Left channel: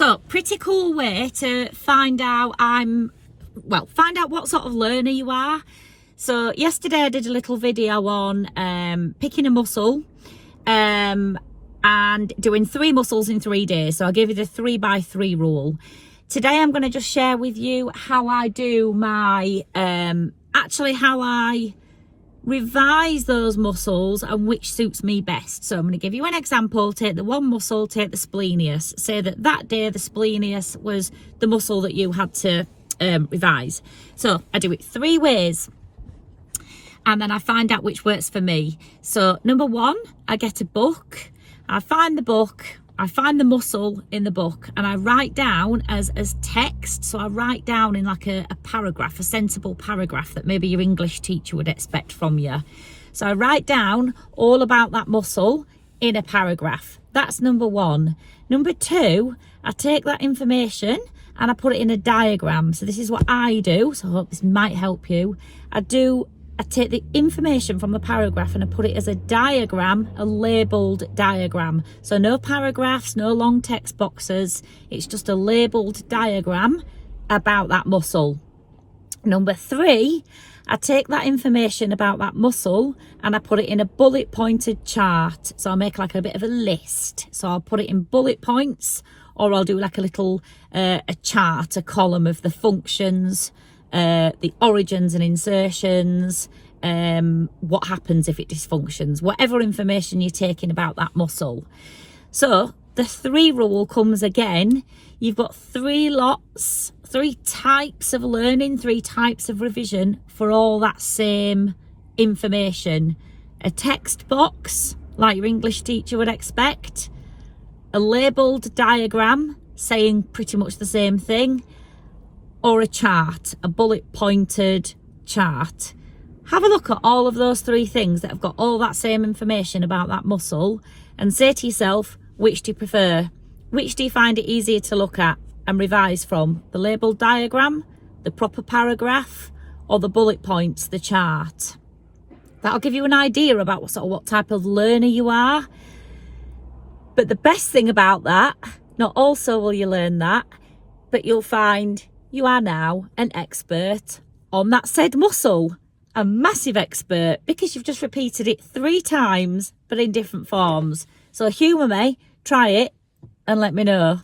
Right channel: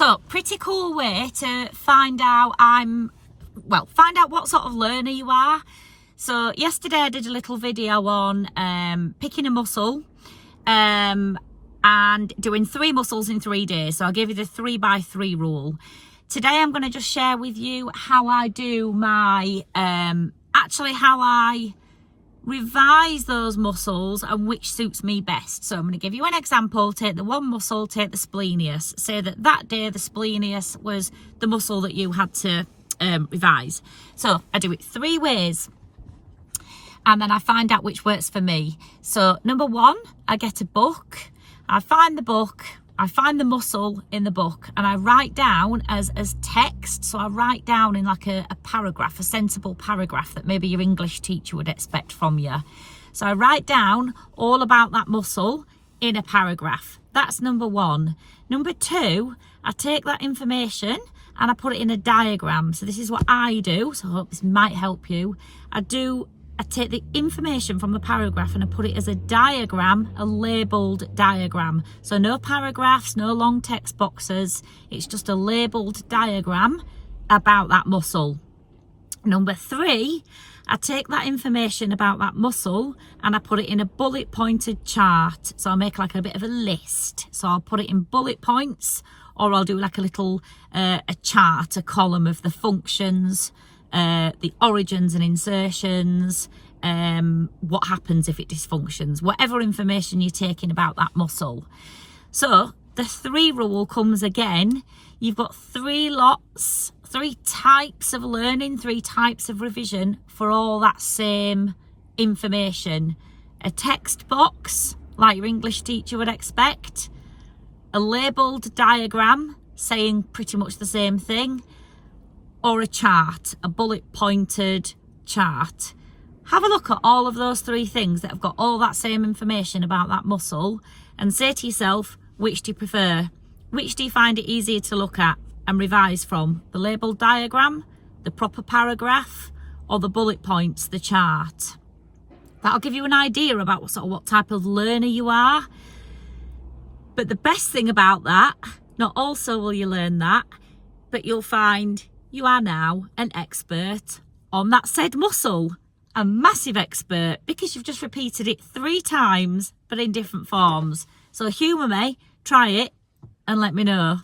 So, pretty cool way to find out find out what sort of learner you are. So yesterday I did a little video on picking a muscle and doing 3 muscles in 3 days. So I'll give you the 3x3 rule. Today I'm going to just share with you how I do my, how I revise those muscles and which suits me best. So I'm going to give you an example. Take the one muscle, take the splenius. Say that day the splenius was the muscle that you had to revise. So I do it 3 ways and then I find out which works for me. So number 1, I get a book, I find the book, I find the muscle in the book, and I write down as text. So I write down in like a paragraph, a sensible paragraph that maybe your English teacher would expect from you. So I write down all about that muscle in a paragraph. That's number 1. Number 2, I take that information and I put it in a diagram. So this is what I do. So I hope this might help you. I take the information from the paragraph and I put it as a diagram, a labelled diagram. So no paragraphs, no long text boxes. It's just a labelled diagram about that muscle. Number 3, I take that information about that muscle and I put it in a bullet pointed chart. So I'll make like a bit of a list. So I'll put it in bullet points, or I'll do like a little a chart, a column of the functions, the origins and insertions, what happens if it dysfunctions, whatever information you're taking about that muscle. So the 3 rule comes again. You've got 3 lots, 3 types of learning, 3 types of revision for all that same information. A text box, like your English teacher would expect, a labelled diagram saying pretty much the same thing, or a chart, a bullet pointed chart. Have a look at all of those 3 things that have got all that same information about that muscle and say to yourself, which do you prefer? Which do you find it easier to look at and revise from? The labelled diagram, the proper paragraph, or the bullet points, the chart? That'll give you an idea about what type of learner you are. But the best thing about that, not also will you learn that, but you'll find you are now an expert on that said muscle. A massive expert, because you've just repeated it 3 times, but in different forms. So humour me, try it, and let me know.